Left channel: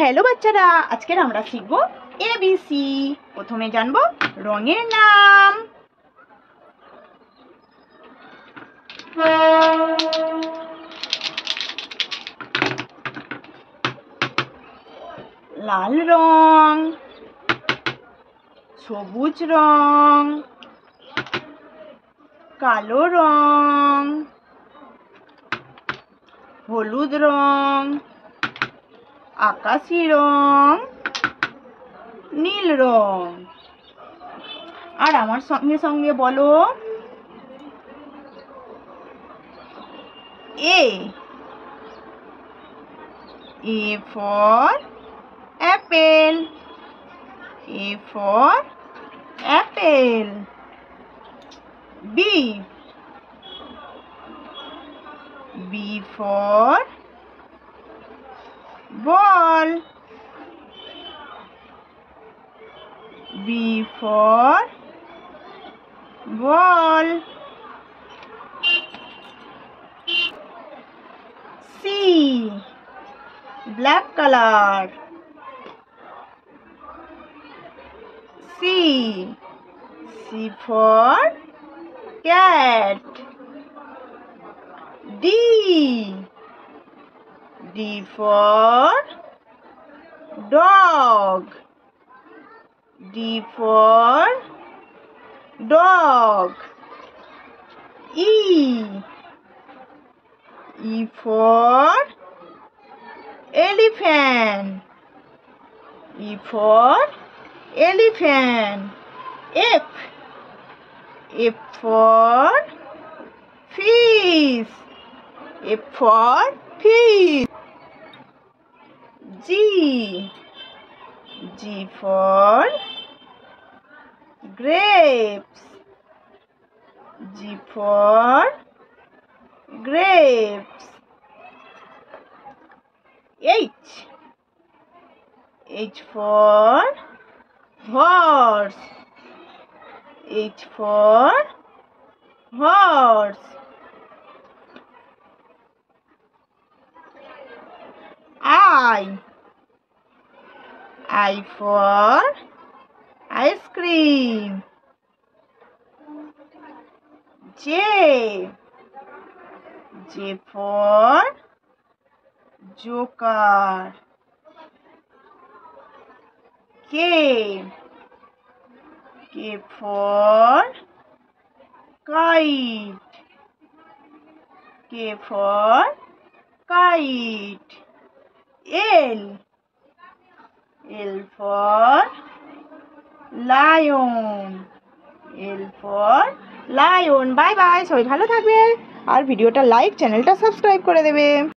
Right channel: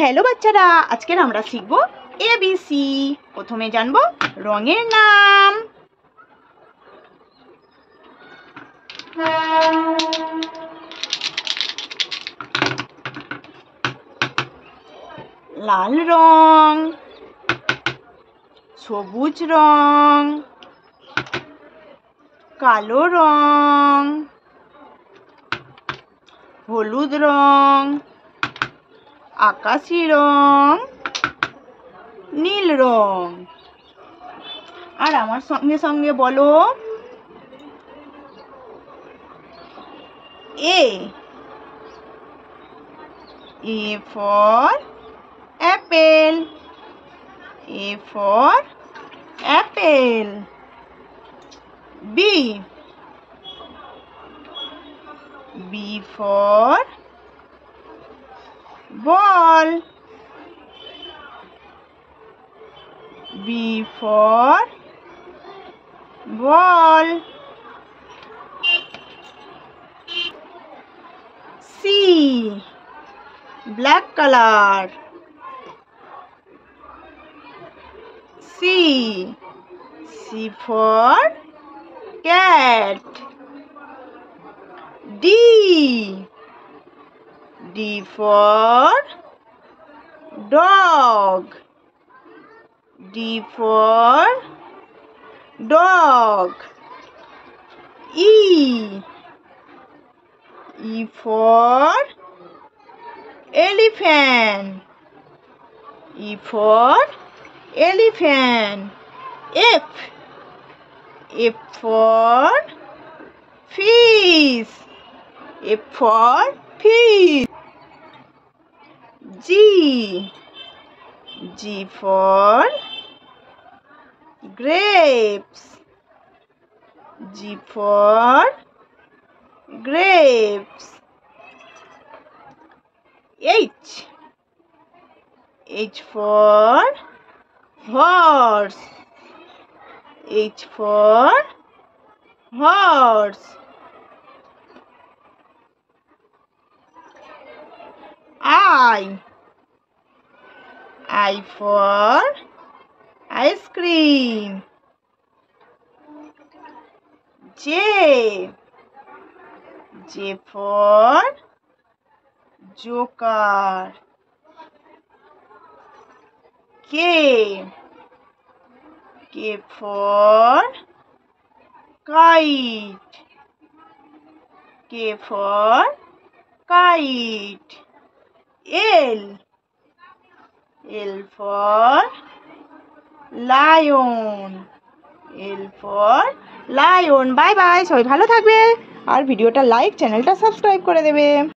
Hello বাচ্চারা, আজকের আমরা শিখব এবিসি। প্রথমে জানবো রঙের নাম। লাল রং, সবুজ রং, কালো রং, হলুদ রং, আকাশি রং, নীল রং। আর আমার সঙ্গে সঙ্গে বলো, A for apple. A for apple. B for ball. B for ball. C, black color. C for cat. D for dog. D for dog. E for elephant. E for elephant. F for fish. F for fish. G for grapes. G for grapes. H for horse. H for horse. I for ice cream. J for joker. K for kite. K for kite. L for lion. L for lion. Bye bye, সবাই ভালো থাকবে আর ভিডিওটা like, চ্যানেলটা subscribe করে দেবে।